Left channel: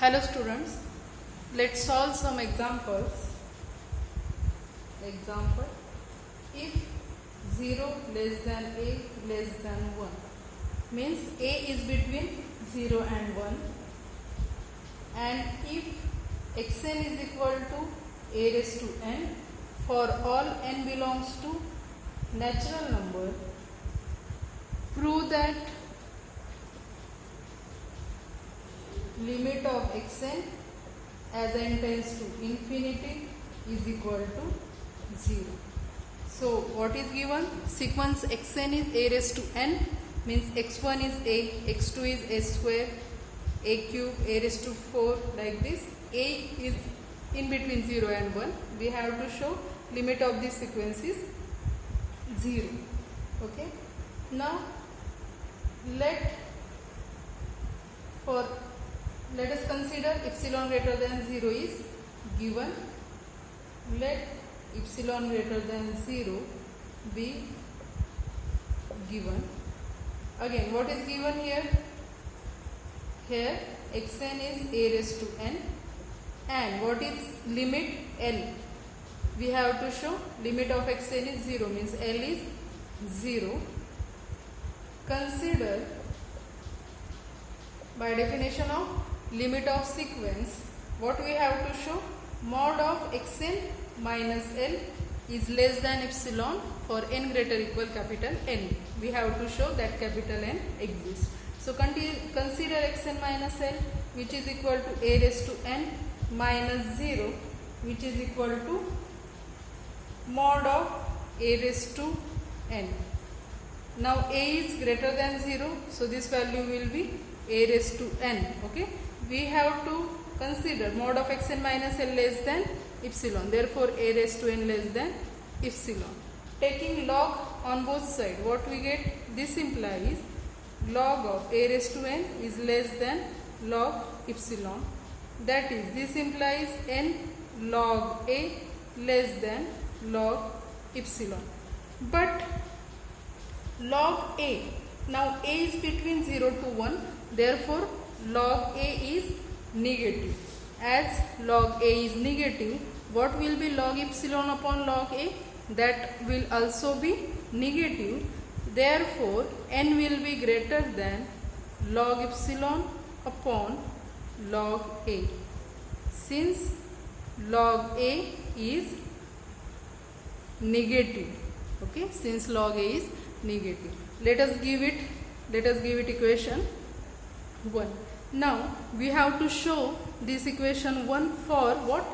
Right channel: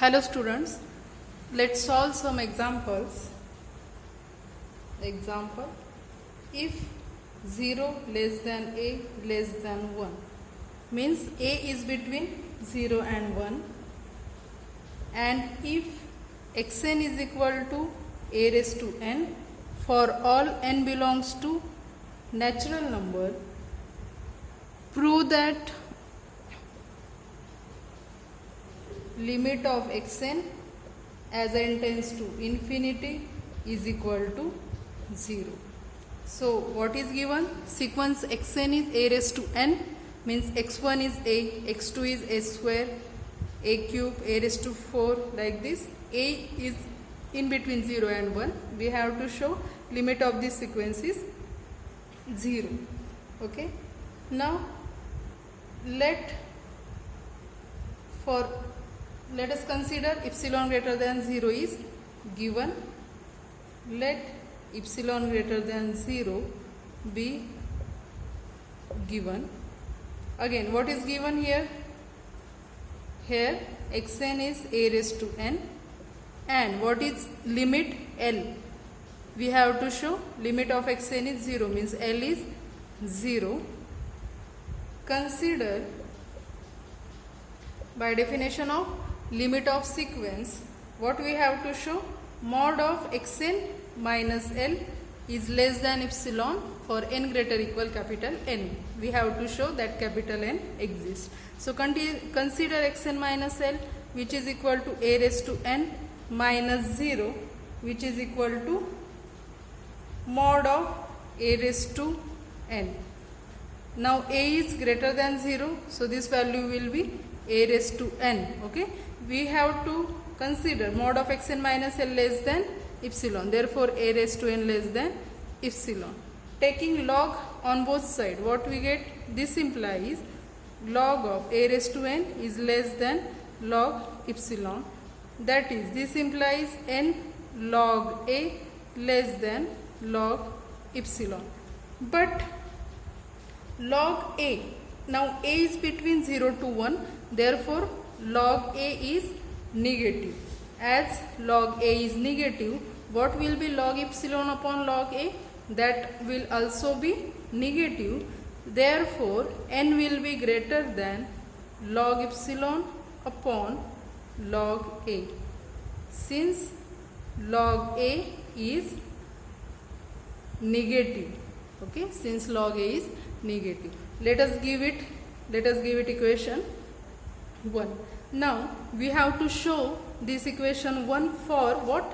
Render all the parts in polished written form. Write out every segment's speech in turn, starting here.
Hello students, let's solve some examples. Example, if 0 less than a less than 1 means a is between 0 and 1, and if xn is equal to a raised to n for all n belongs to natural number, prove that limit of xn as n tends to infinity is equal to 0. So what is given? Sequence xn is a raised to n, means x1 is a, x2 is a square, a cube, a raised to 4, like this. A is in between 0 and 1. We have to show limit of this sequence is 0. Okay. Now let us consider epsilon greater than 0 is given. Let epsilon greater than 0 be given. Again, what is given here? Here xn is a raised to n, and what is limit? L. We have to show limit of xn is 0, means L is 0. Consider, by definition of limit of sequence, what we have to show? Mod of xn minus L is less than epsilon for n greater equal capital N. We have to show that capital N exists. So consider xn minus L, which is equal to a raised to n minus 0, which is equal to mod of a raised to n. Now a is greater than 0, so this value will be a raised to n. Okay, we have to consider mod of xn minus L less than epsilon, therefore a raised to n less than epsilon. Taking log on both sides, what we get? This implies log of a raised to n is less than log epsilon. That is, this implies n log a less than log epsilon. But log a, now a is between 0 to 1, therefore log a is negative. As log a is negative, what will be log epsilon upon log a? That will also be negative. Therefore n will be greater than log epsilon upon log a. Since log a is negative, okay, since log a is negative, let us give it equation 1. Now we have to show this equation 1 for what?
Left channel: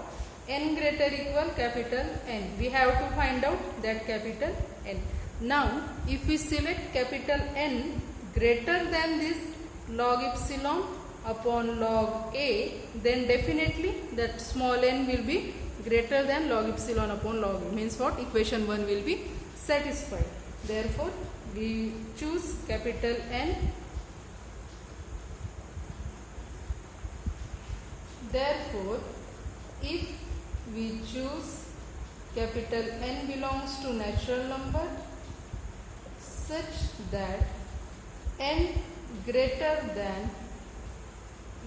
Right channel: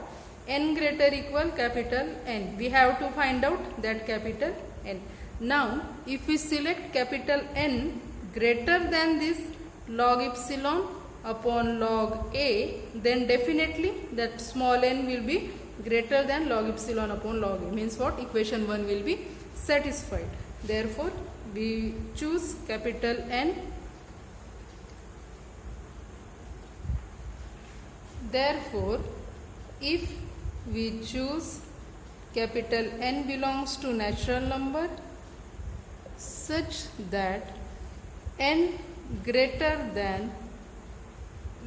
N greater equal capital N. We have to find out that capital N. Now if we select capital N greater than this log epsilon upon log a, then definitely that small n will be greater than log epsilon upon log a. Means what? Equation 1 will be satisfied. Therefore we choose capital N. Therefore, if we choose capital N belongs to natural number such that n greater than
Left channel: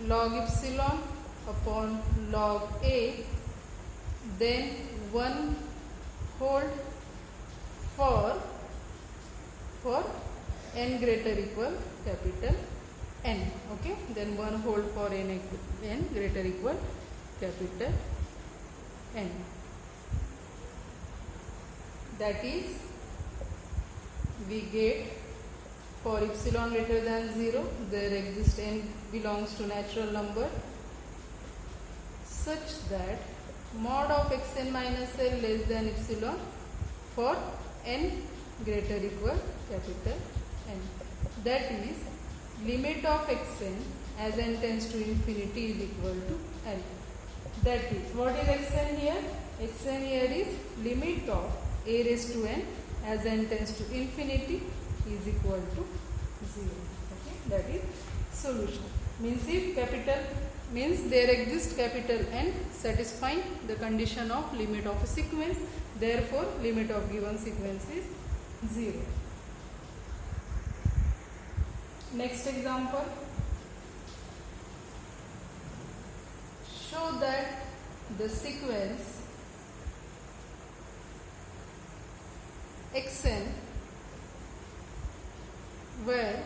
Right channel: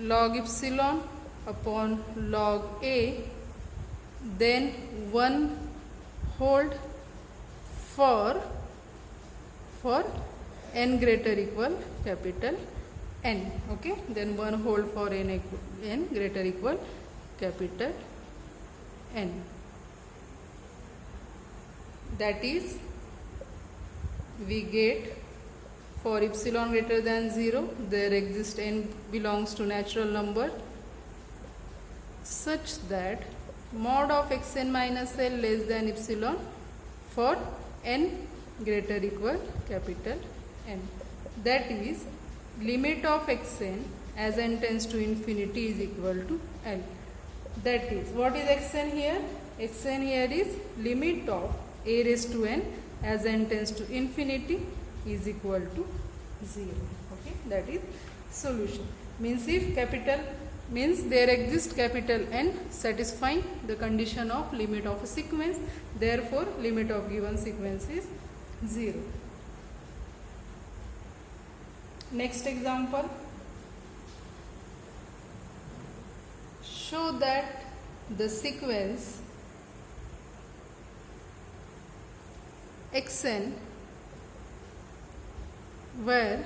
log epsilon upon log a, then one hold for n greater equal capital N. Okay, then one hold for n greater equal capital N. That is, we get for epsilon greater than 0, there exists n belongs to natural number such that mod of xn minus L less than epsilon for n greater equal capital N. That is, limit of xn as n tends to infinity is equal to L. That is, what is xn here? Xn here is limit of a raised to n as n tends to infinity is equal to 0. Okay, that is solution. Means if capital means there exists capital N satisfying the condition of limit of a sequence, therefore limit of given sequence is 0. Next example, show that the sequence xn where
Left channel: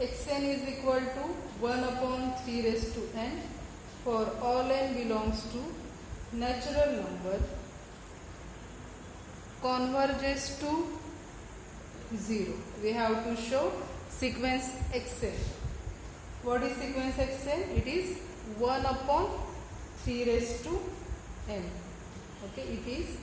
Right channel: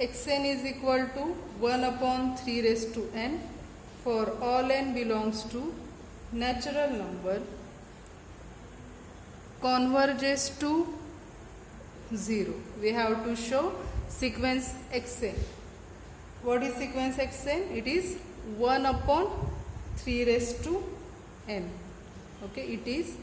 xn is equal to 1 upon 3 raised to n for all n belongs to natural number converges to 0. We have to show sequence xn. What is sequence xn? It is 1 upon 3 raised to n. Okay, it is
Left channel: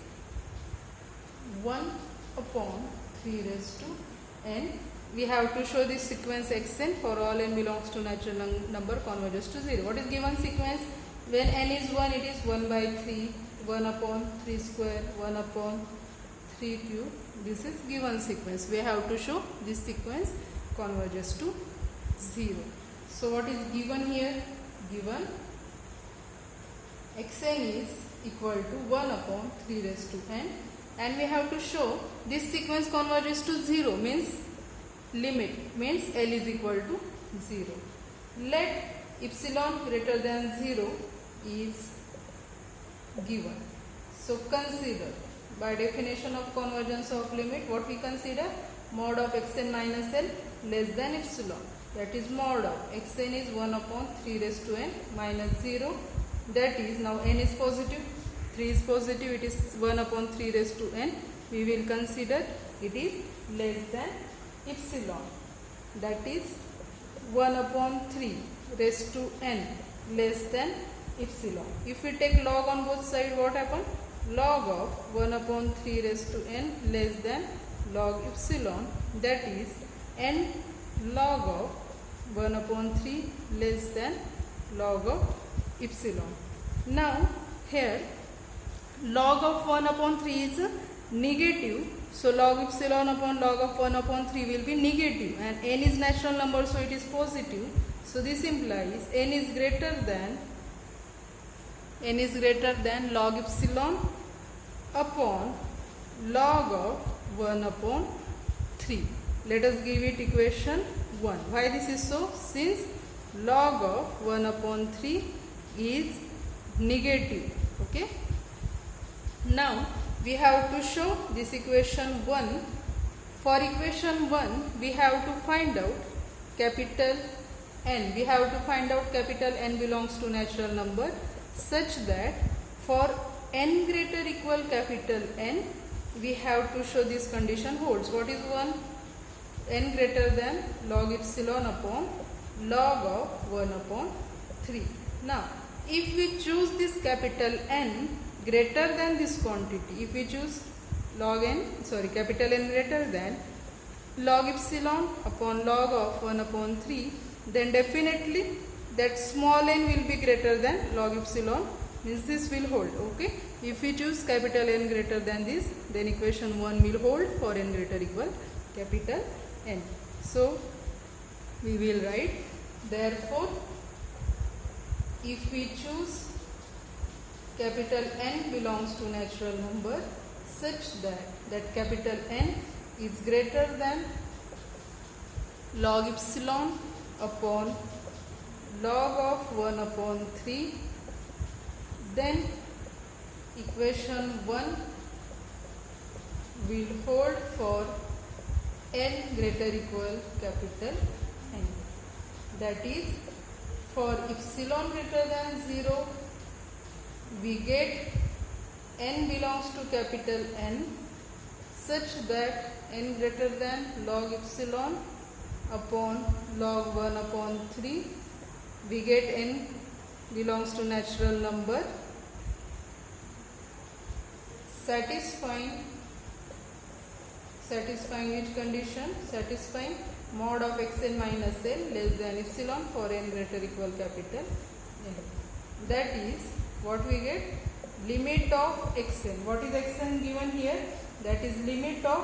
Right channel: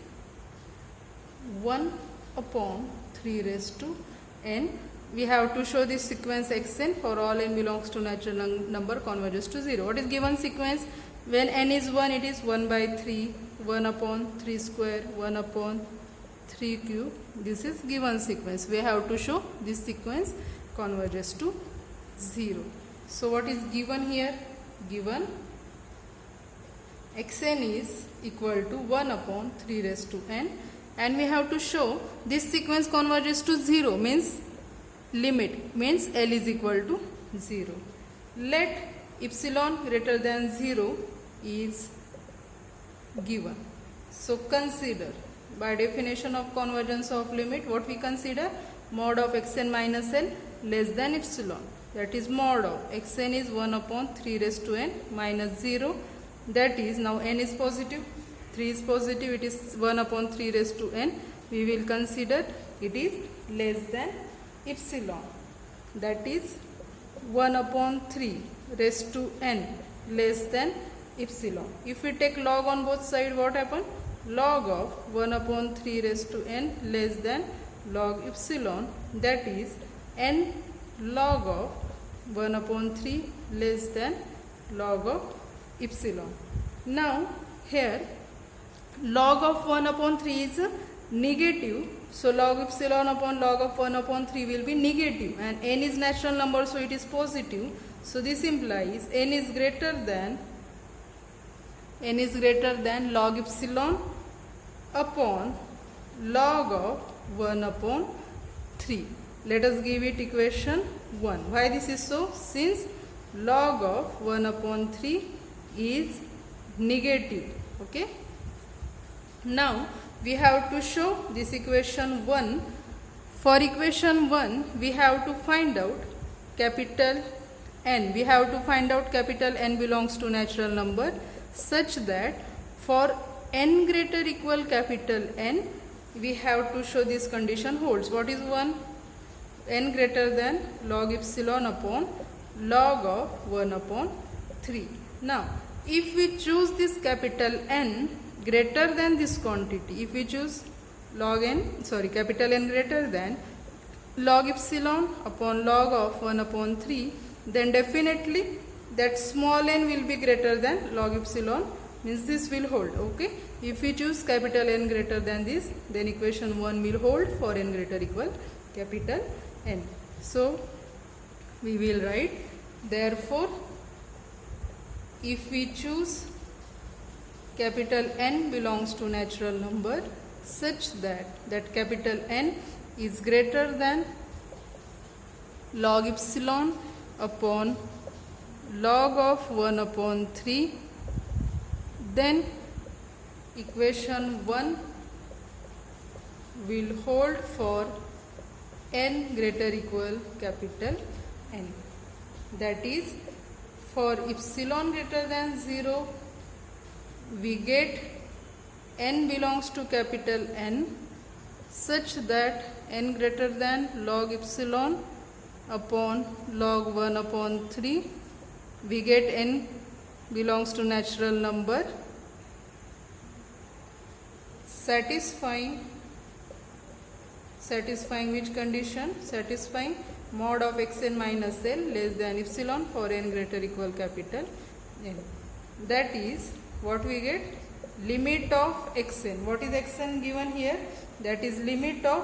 1 upon 3 raised to n. We have to show this sequence xn for all n belongs to natural number converges to 0. What is given sequence? When n is 1, it is 1 by 3, 1 upon 3 square, 1 upon 3 cube. This is given sequence. We have to show this sequence converges to 0. So what is given here? Given xn is equal to 1 upon 3 raised to n, and we have to show this sequence converges to 0 means limit means L is equal to 0. Let epsilon greater than 0 is given. So consider, by definition of convergence of limit, what we consider? Mod of xn minus L less than epsilon. That is mod of xn is 1 upon 3 raised to n minus 0. That is, now n is positive, 3 is positive, it is 1 upon 3 raised to n. We will consider it is less than epsilon. That is 1 upon 3 raised to n less than epsilon. If we take log on both sides, what happens? Log of 1 upon 3 raised to n less than log epsilon. That is n log of 1 upon 3 less than log of epsilon. Now here log of 1 upon 3 is negative, so log epsilon upon log of 1 upon 3 will be negative, and n is natural number, so it is positive. So this implies n is greater than log epsilon upon log of 1 upon 3. Let us give it equation 1. Why this is so? Since log of 1 upon 3 is negative. Okay. Now we have to show this equation 1. For equation 1, we have to find out capital N. We have to find out capital N belongs to natural number such that for n greater equal capital N, we have to show this condition holds. What is 1? N greater than log epsilon upon log of 1 upon 3. Now, if we choose this capital N greater than this quantity, if we choose capital N greater than log epsilon upon log of 1 upon 3, then definitely that small n will be greater than log epsilon, means this will hold. Okay. If we choose capital N greater than this, then equation 1 will hold for n greater equal capital N. So we will write, therefore if we choose capital N belongs to natural number such that capital N is greater than log epsilon upon log of 1 upon 3, then equation 1 will hold for n greater equal capital N. That is, for epsilon greater than 0, we get n belongs to capital N such that n greater than log epsilon upon log 1 upon 3, we get n belongs to natural number satisfying which condition? Satisfying mod of xn minus L less than epsilon for n greater equal capital N. That is, what we get? Limit of xn. What is xn given here? That is limit of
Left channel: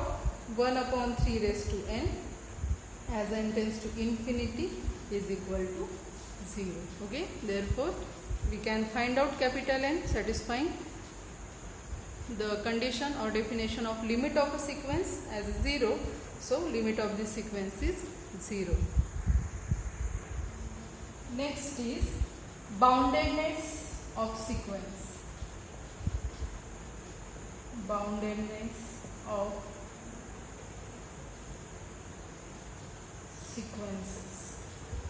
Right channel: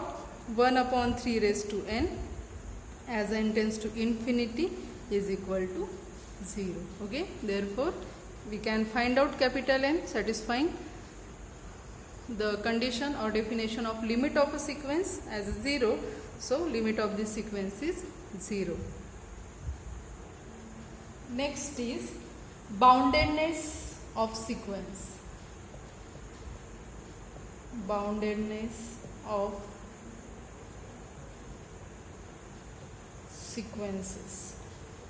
1 upon 3 raised to n as n tends to infinity is equal to 0. Okay. Therefore, we can find out capital N satisfying the condition or definition of limit of a sequence as 0. So limit of this sequence is 0. Next is boundedness of sequence. Boundedness of sequences.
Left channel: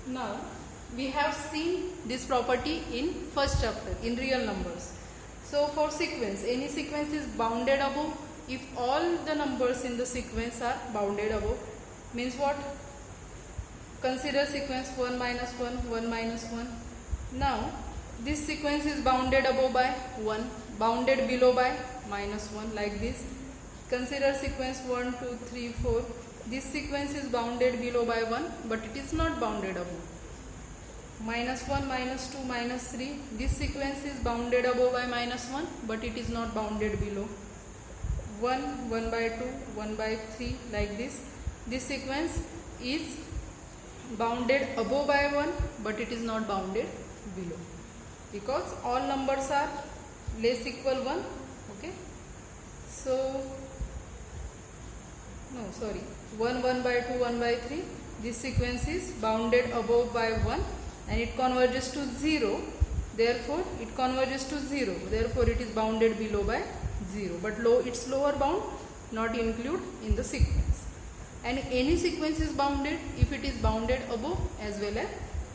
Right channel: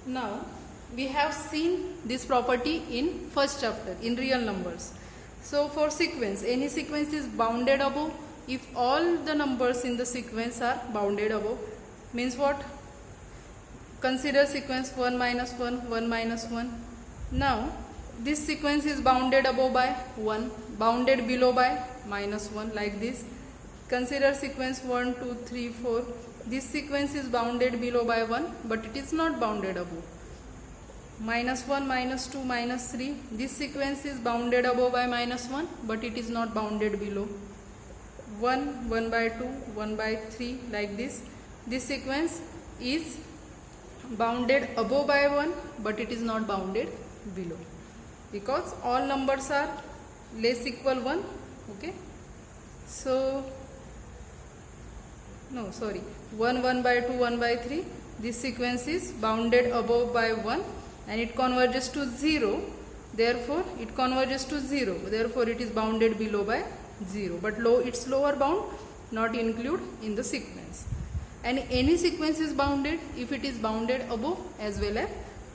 Now we have seen this property in first chapter in real numbers. So for sequence, any sequence is bounded above if all the numbers in the sequence are bounded above. Means what? Consider sequence 1 minus 1, 1 minus 1. Now this sequence is bounded above by 1, bounded below by minus 1, like this. Consider sequence 1, 2, 3, 4. This sequence is bounded below by 1, but it is not bounded above. Minus 1, minus 2, minus 3. This sequence is bounded above by minus 1, but it is not bounded below. 1, 1 by 2, 1 by 3, like this. This sequence is bounded above by 1, but it is not bounded below, because all numbers are less equal 1. Okay, so no, sorry, 1, 1 by 2, 1 by 3. This sequence is bounded above by 1 and it converges to 0. Therefore, it converges to 0. Therefore, it is bounded below by 0. But its lower bound not included in the sequence. And any sequence is bounded if it is bounded above as well as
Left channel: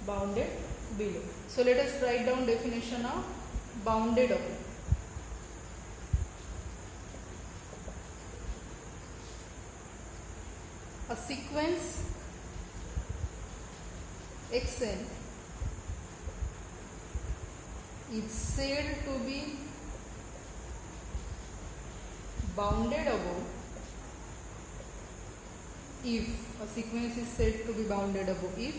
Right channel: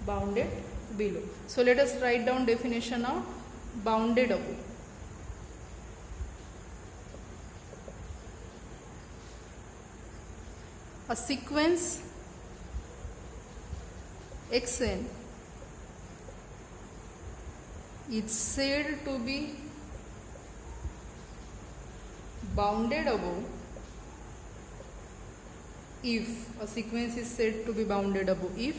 bounded below. So let us write down definition of bounded above. A sequence xn is said to be bounded above if a sequence is said to be bounded above if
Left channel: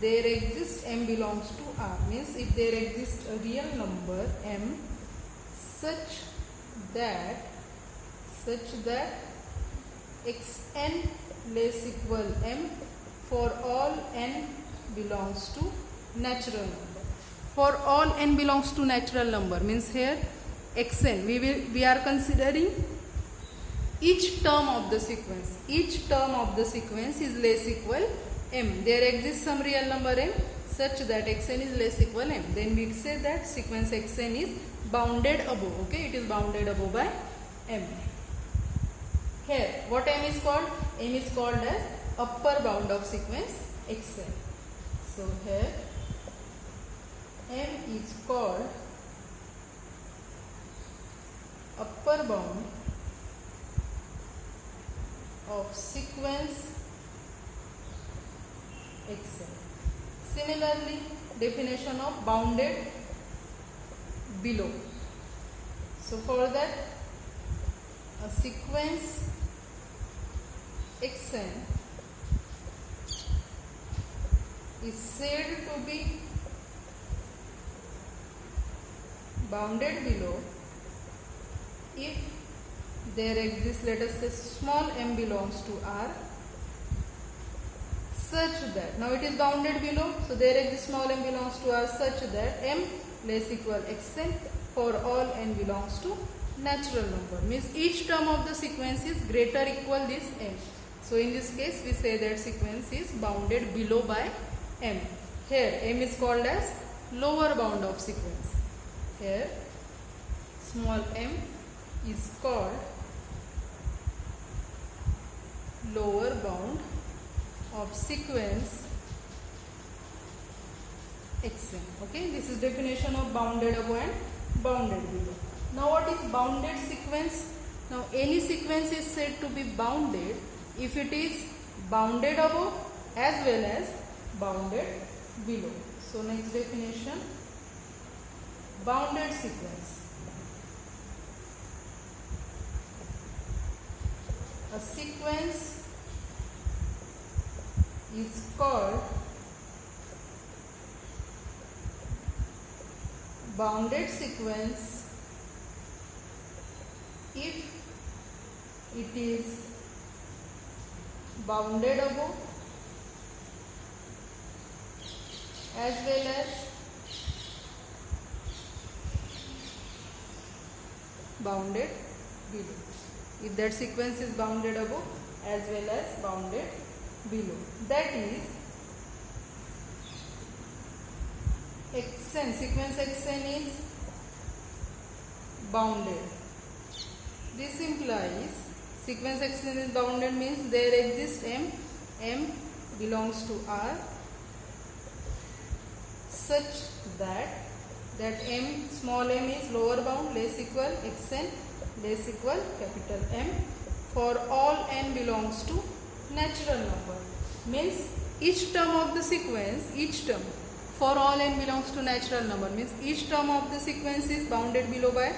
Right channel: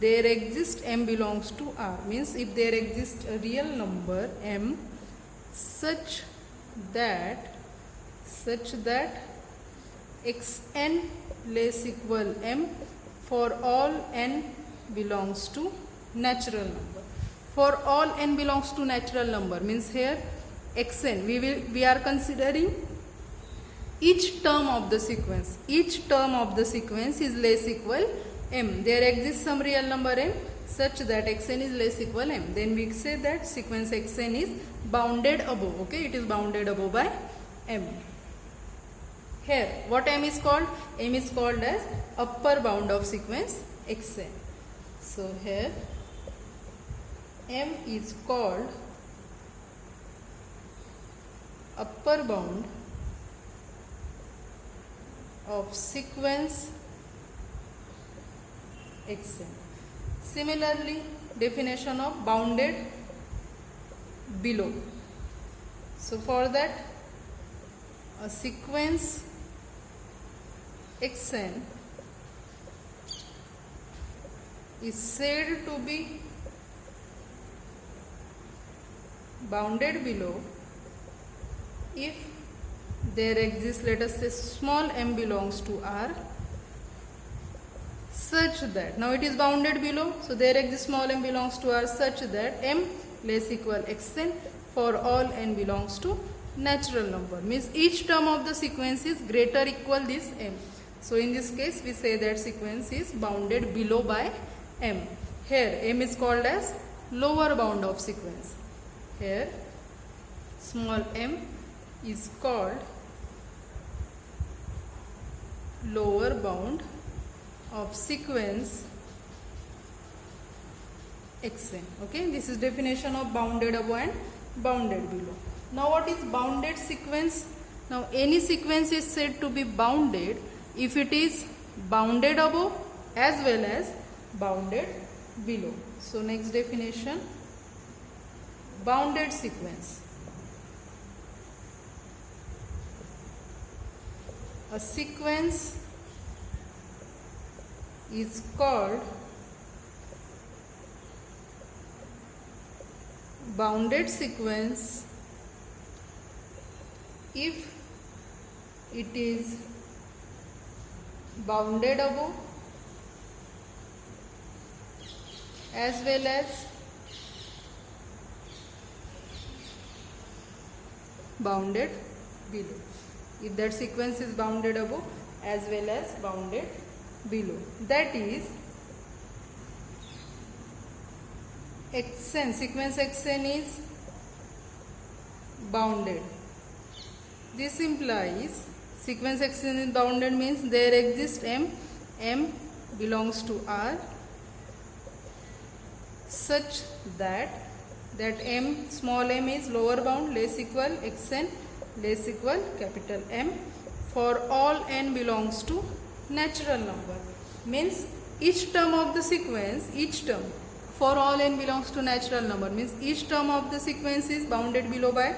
there exists m belongs to R. Means if there exists a real number m such that xn less equal m for all n belongs to natural number. For all n belongs to natural number means here xn we are considering each term of the sequence. Each term of the sequence is less equal m. There exists some real number m such that xn is less equal m. Then we say that sequence xn is bounded above. Okay, it is bounded above by m. Here, what m is called? M is called as upper bound of sequence xn. So here, m is called upper bound of sequence xn. Similarly, definition of bounded below. So for that, a sequence xn is said to be bounded below if there exists, let us say, small m belongs to R such that, now it is bounded below, so there exists small m belongs to R such that m less equal xn for all n belongs to natural number. Means each term of the sequence is greater or equal this m. So in this case we say that sequence is bounded below by m. Here m is called as lower bound of sequence. Here small m is called lower bound of sequence xn. Okay, this is definition of bounded above and bounded below. Now what is bounded sequence? Now any sequence is said to be bounded if it is bounded above as well as bounded below. So next definition, bounded sequence. A sequence is called bounded sequence if it is bounded above as well as bounded below. If that sequence is bounded above as well as bounded below, that is xn, sequence xn is bounded. This implies sequence xn is bounded means there exists m belongs to R such that m, small m is lower bound less equal xn less equal capital M for all n belongs to natural number. Means each term of the sequence, each term for all n belongs to natural number means each term of the sequence is bounded below by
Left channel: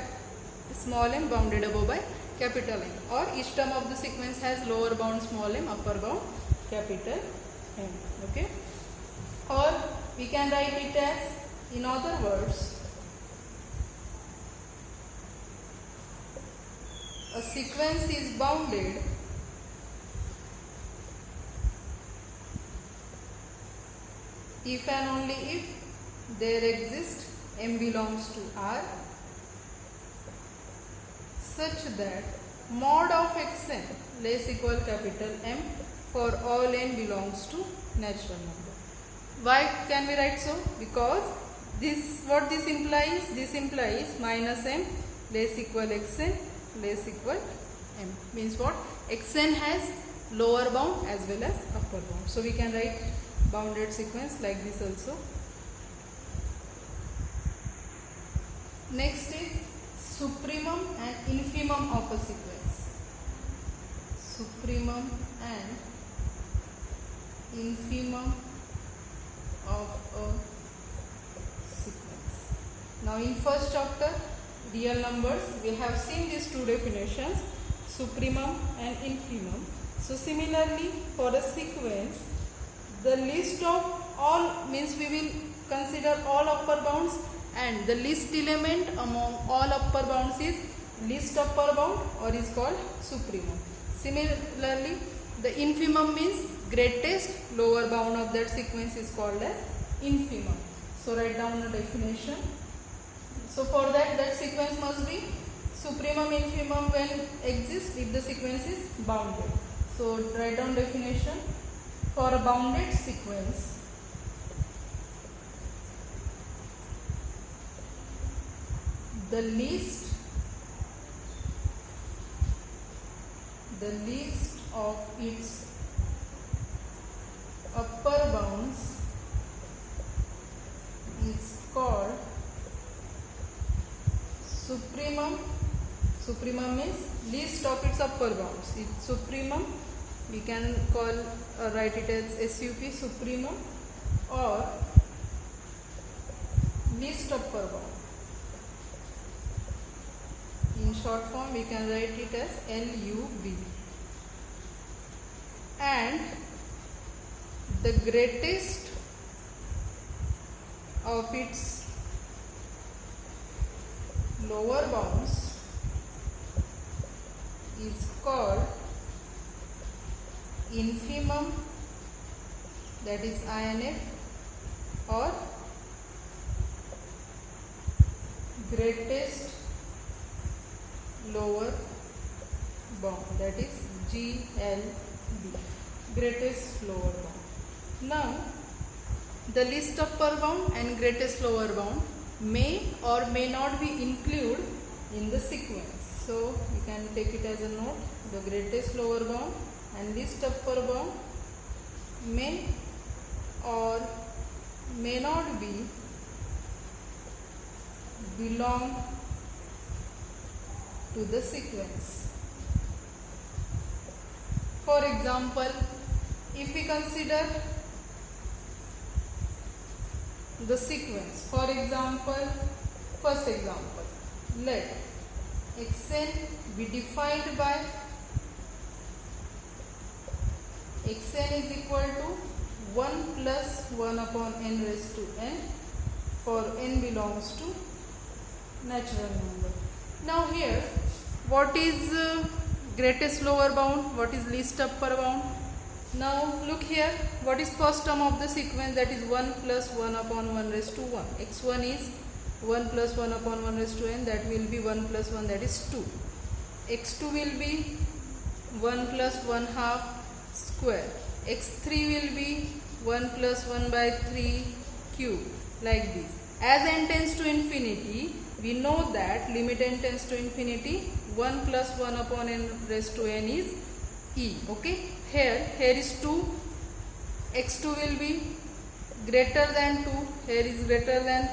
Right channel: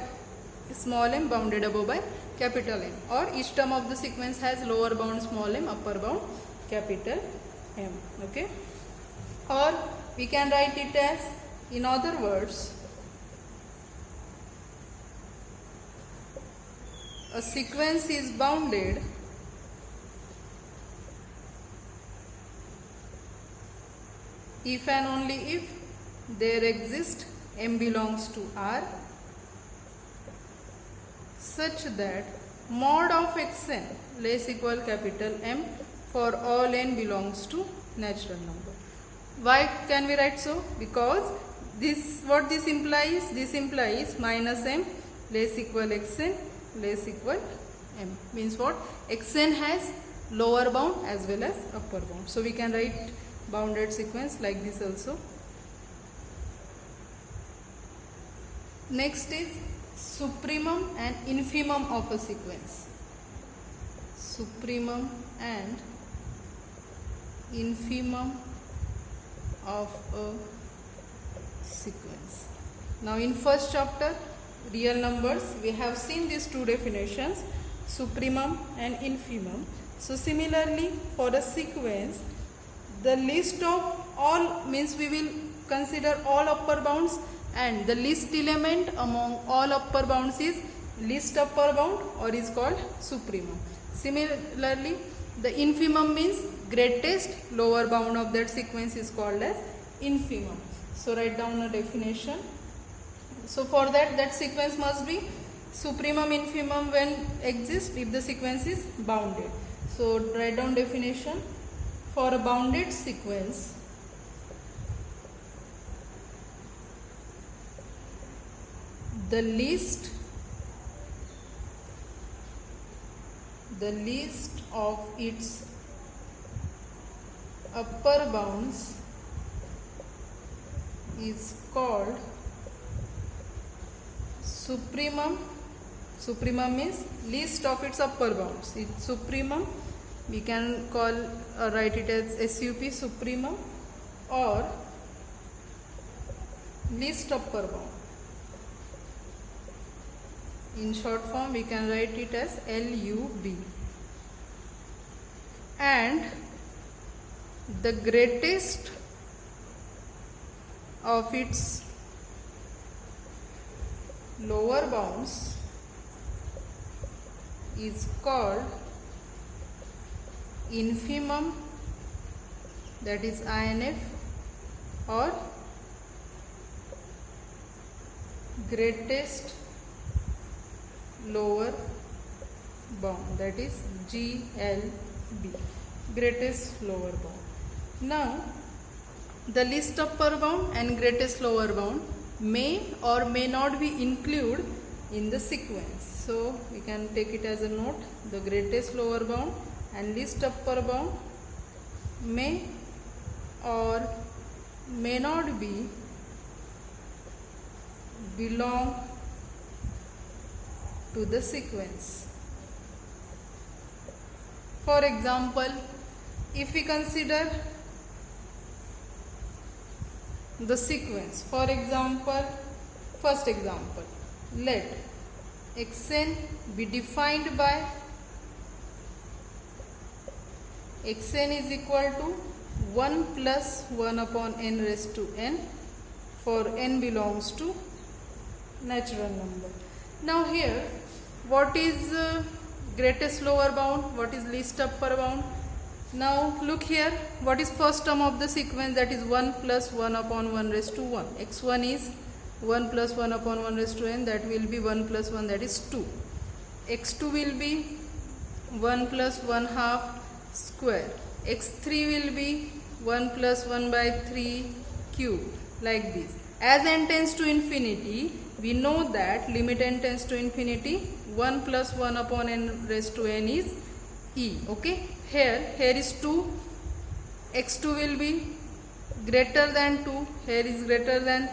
small m, bounded above by capital M, or each term of the sequence has lower bound small m, upper bound capital M. Okay, or we can write it as, in other words, a sequence is bounded if and only if there exists m belongs to R such that mod of xn less equal capital M for all n belongs to natural number. Why can we write so? Because this, what this implies? This implies minus m less equal xn less equal m. Means what? xn has lower bound as well as upper bound. So we can write bounded sequence like this also. Next is supremum and infimum of a sequence. Supremum and infimum of a sequence. Now in first chapter, real numbers, we have seen these two definitions, supremum and infimum. So similarly for a sequence, the list of all means we will consider all upper bounds, and the least element among all upper bounds is least upper bound or is called supremum. Similarly, the infimum means greatest lower bound of that sequence is called as infimum. So write down a definition. So for that sequence must be supremum, infimum when exists if the sequence is bounded. So write down definition. For a bounded sequence, the least of its upper bounds is called supremum. Supremum is least of its upper bounds. It's supremum. We can call write it as SUP, supremum, or least upper bound. In short form, we can write it as LUB. And the greatest of its lower bounds is called infimum, that is INF, or greatest lower bound, that is GLB, greatest lower bound. Now the least upper bound and greatest lower bound may or may not be included in the sequence. So we can take it as a note, the greatest lower bound and least upper bound may or may not be belong to the sequence. For example, if we consider the sequence, for example, first example, let xn be defined by xn is equal to 1 plus 1 upon n raised to n for n belongs to natural number. Now here, what is greatest lower bound, what is least upper bound? Now look here, what is first term of the sequence, that is 1 plus 1 upon 1 raised to 1. x1 is 1 plus 1 upon 1 raised to n, that will be 1 plus 1, that is 2. x2 will be 1 plus 1 half square. x3 will be 1 plus 1 by 3 cube, like this. As n tends to infinity, we know that limit n tends to infinity, 1 plus 1 upon n raised to n is e. Okay, here is 2, x2 will be greater than 2, here is greater than,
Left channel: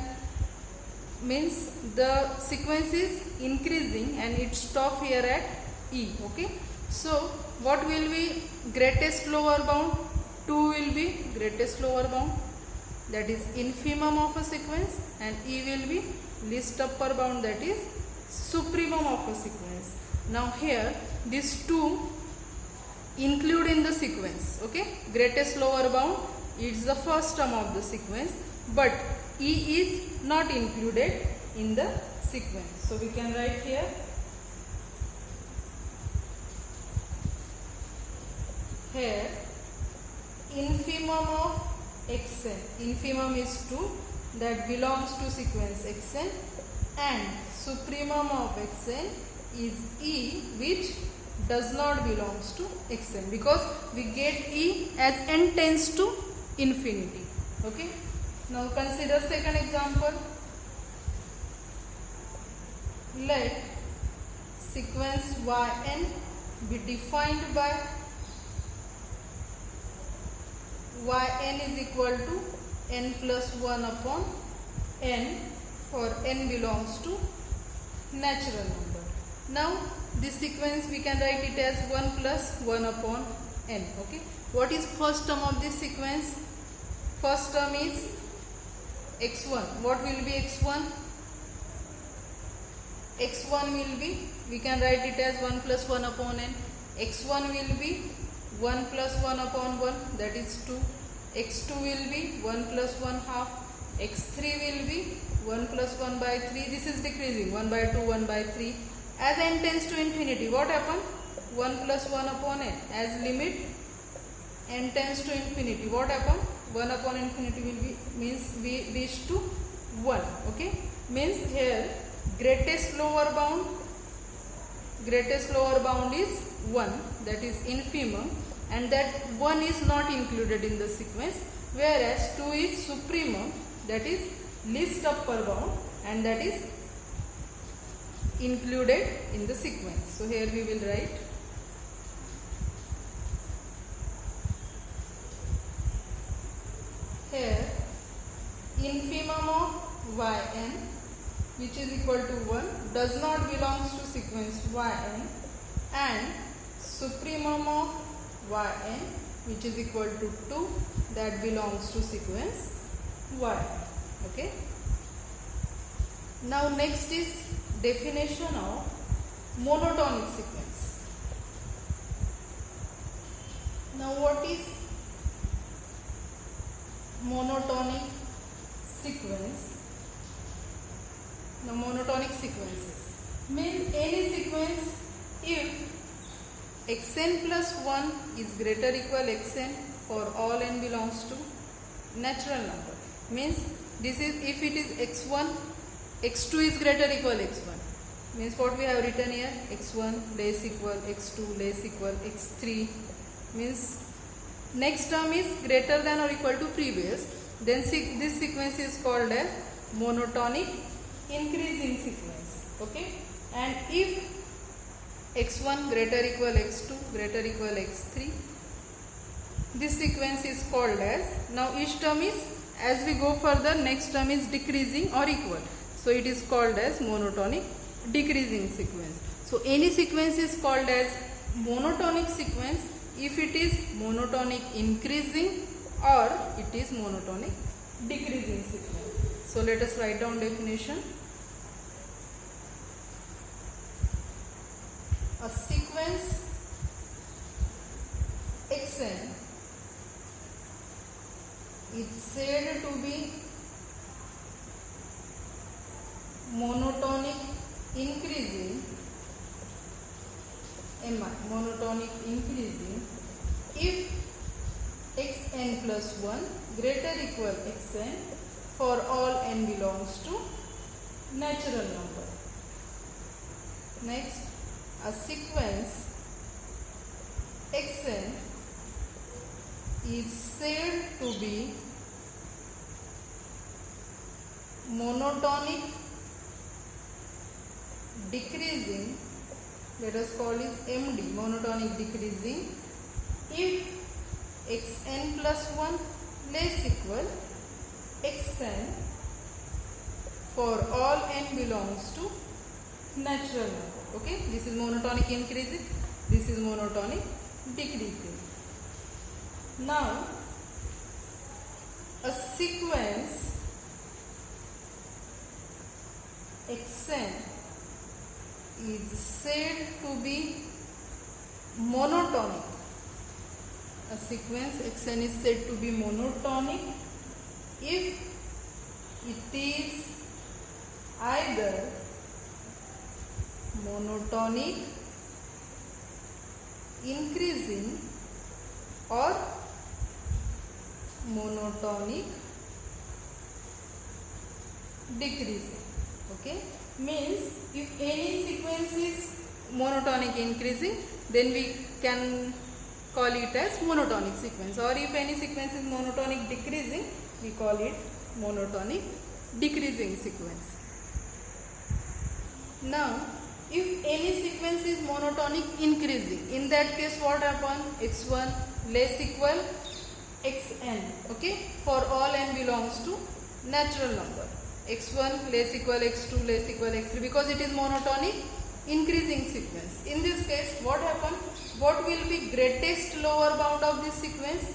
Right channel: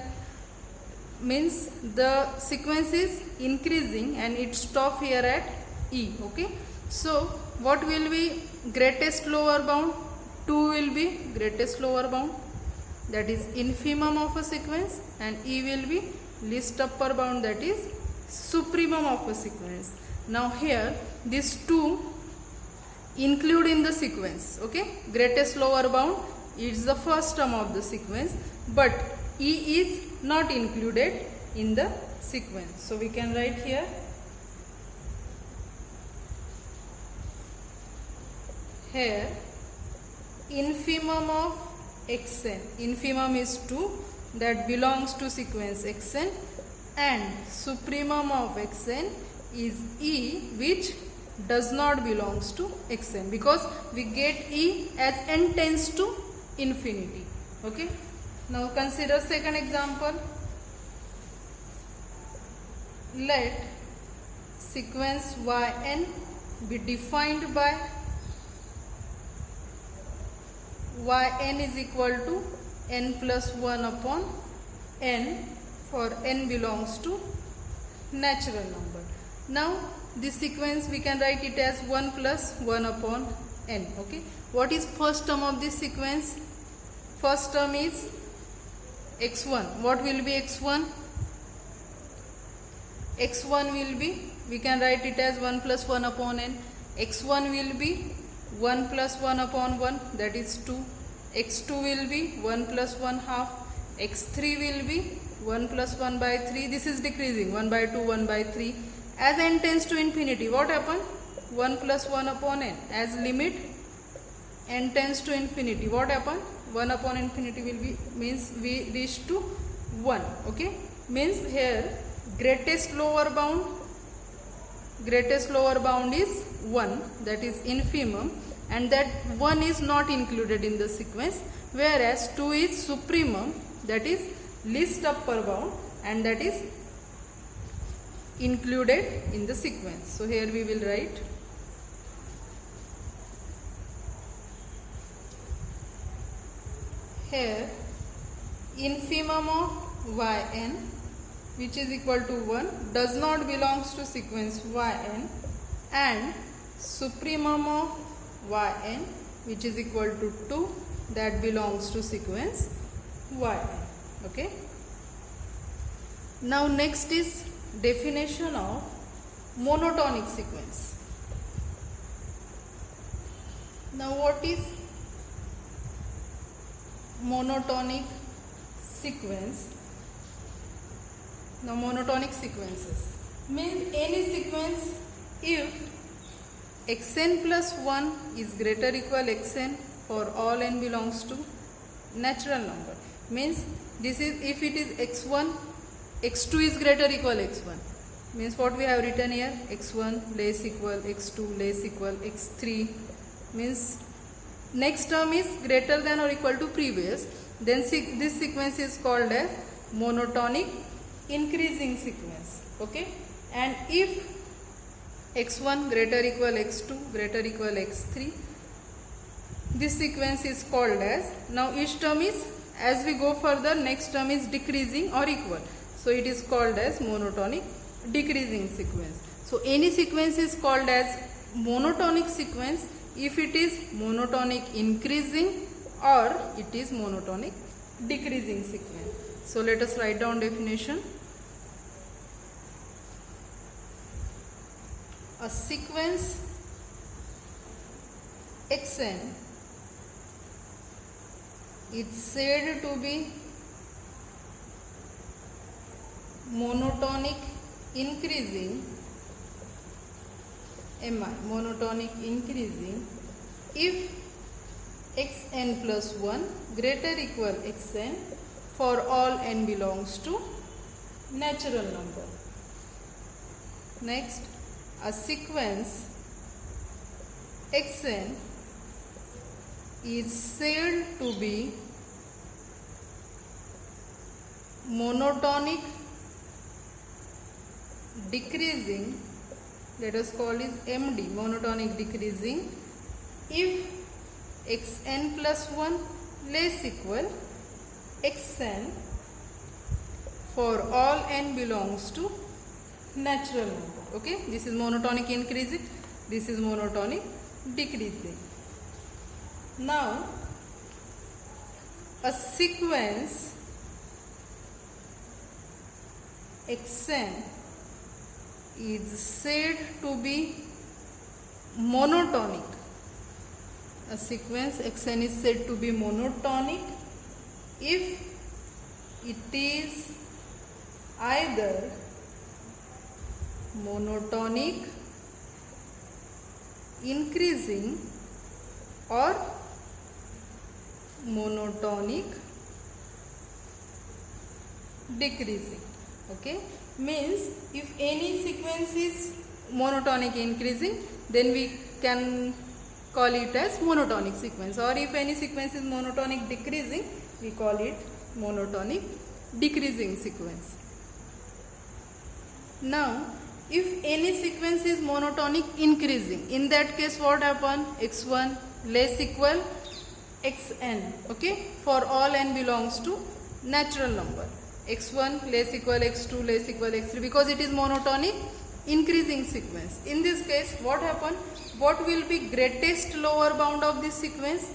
means the sequence is increasing and it stop here at e. Okay, so what will be greatest lower bound? 2 will be greatest lower bound, that is infimum of a sequence, and e will be least upper bound, that is supremum of a sequence. Now here these two include in the sequence. Okay, greatest lower bound is the first term of the sequence, but e is not included in the sequence. So we can write here infimum of xn, infimum is 2, that belongs to sequence xn, and supremum of xn is e, which does not belongs to xn, because we get e as n tends to infinity. Okay, now consider second example. Let sequence yn be defined by yn is equal to n plus 1 upon n for n belongs to natural number. Now this sequence we can write it as 1 plus 1 upon n. Okay, what is first term of this sequence? First term is x1. What will be x1? x1 will be, we can write it as 1 plus 1 upon n. x1 will be 1 plus 1 upon 1, that is 2. x2 will be 1 plus 1 half. x3 will be 1 plus 1 by 3. This is decreasing, 1 by 2, 1 by 3. As n tends to infinity, what happen? 1 plus 1 upon n. As limit n tends to infinity, what happen? 1 upon infinity will be, means we reach to 1. Okay, means here greatest lower bound is 1, that is infimum, and that 1 is not included in the sequence, whereas 2 is supremum, that is least upper bound, and that is included in the sequence. So here we will write here infimum of yn, which is equal to 1, does not belongs to sequence yn, and supremum of yn, which is equal to 2, that belongs to sequence y. Okay, now next is definition of monotonic sequence. Now what is monotonic sequence? Now monotonic sequences means any sequence if xn plus 1 is greater equal xn for all n belongs to natural number. Means this is if it is x1, x2 is greater equal x1. Means what we have written here, x1 less equal x2 less equal x3, means next term is greater than or equal to previous, then this sequence is called as monotonic increasing sequence. Okay, and if x1 greater equal x2 greater equal x3, this sequence is called as, now each term is, as we go further, next term is decreasing or equal, so it is called as monotonic decreasing sequence. So any sequence is called as monotonic sequence if it is monotonic increasing or it is monotonic decreasing sequence. So let us write down definition. A sequence xn is said to be monotonic increasing monotonic increasing if xn plus 1 greater equal xn for all n belongs to natural number. Next, a sequence xn is said to be monotonic decreasing, let us call is MD, monotonic decreasing, if xn plus 1 less equal xn for all n belongs to natural number. Okay, this is monotonic increasing, this is monotonic decreasing. Now a sequence xn is said to be monotonic. A sequence xn is said to be monotonic if it is either monotonic increasing or monotonic decreasing. Okay, means if any sequence is monotonic increasing, then we can call it as monotonic sequence, or if any sequence is monotonic decreasing, we call it monotonic decreasing sequence. Now if any sequence is monotonic increasing, in that case what happen? X1 less equal xn. Okay, for all n belongs to natural number. X1 less equal x2 less equal x3, because it is monotonic increasing sequence. In this case what happen? What will be greatest lower bound of this sequence?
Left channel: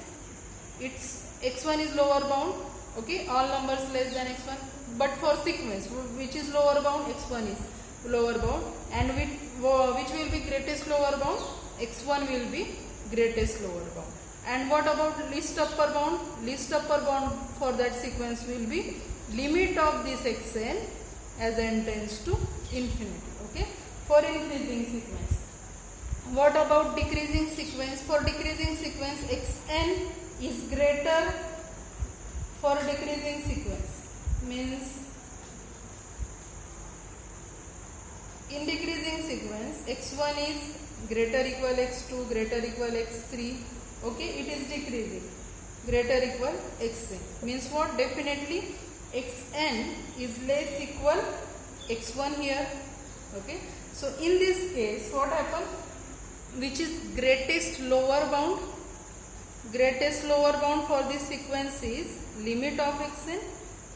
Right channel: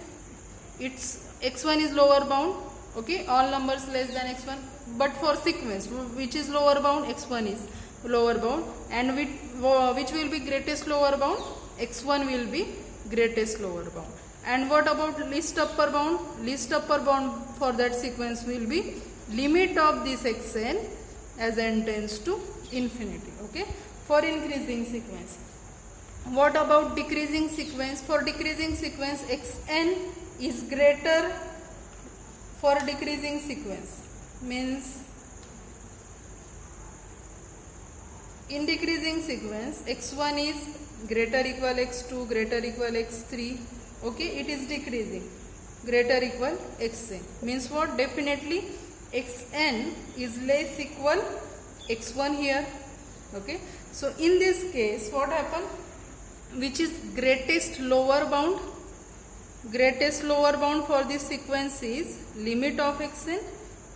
It's x1 is lower bound. Okay, all numbers less than x1, but for sequence which is lower bound? X1 is lower bound, and which will be greatest lower bound? X1 will be greatest lower bound. And what about least upper bound? Least upper bound for that sequence will be limit of this xn as n tends to infinity. Okay, for increasing sequence. What about decreasing sequence? For decreasing sequence xn is greater for decreasing sequence, means in decreasing sequence x1 is greater equal x2 greater equal x3. Okay, it is decreasing, greater equal xn, means what? Definitely xn is less equal x1 here. Okay, so in this case what happen? Which is greatest lower bound? Greatest lower bound for this sequence is limit of xn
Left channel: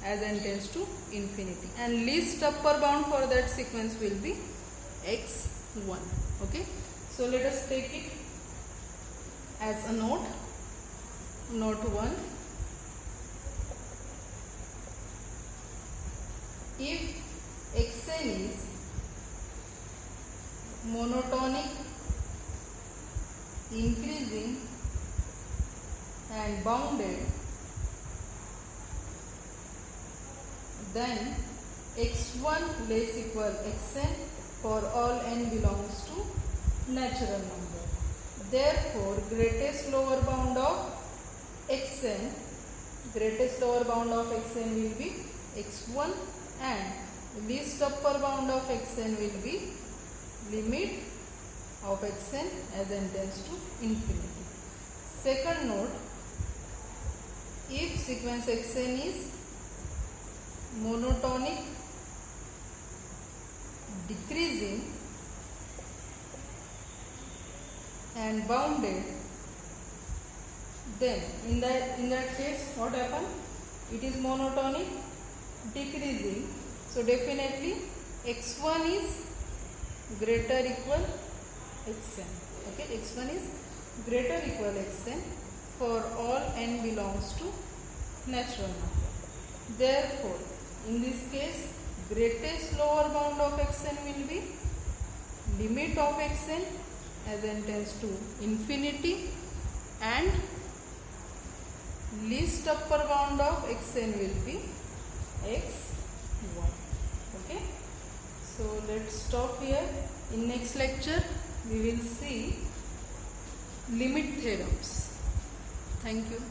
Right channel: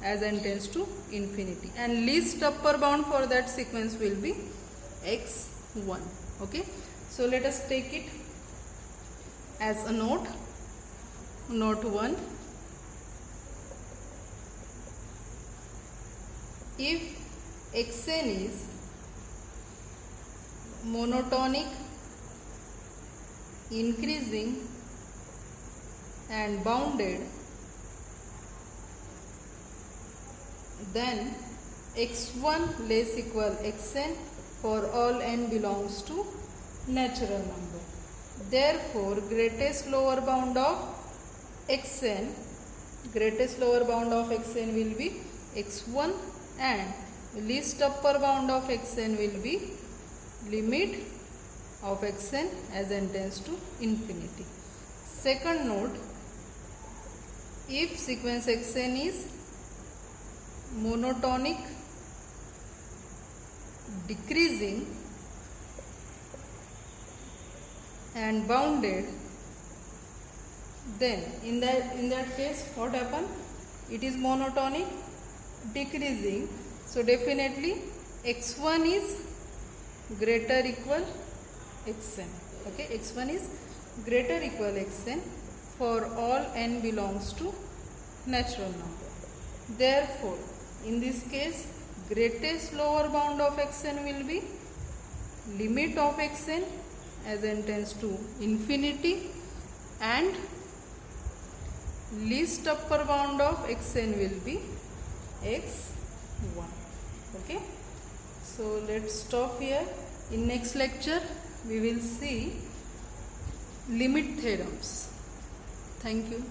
as n tends to infinity, and least upper bound for that sequence will be x1. Okay, so let us take it as a note. Note 1. If xn is monotonic increasing and bounded, then x1 less equal xn for all n belongs to natural number. Therefore greatest lower bound of xn, greatest lower bound of xn will be x1, and least upper bound of xn will be limit of xn as n tends to infinity. Second note, if sequence xn is monotonic decreasing and bounded, then in that case what happen? It is monotonic decreasing, so definitely x1 is greater equal xn. Okay, x1 is greater equal xn for all n belongs to natural number. Therefore in this case greatest lower bound of xn will be limit of xn as n tends to infinity, and least upper bound of xn will be x1. Okay, so let's stop here. In next lecture we will see limit theorems. Thank you.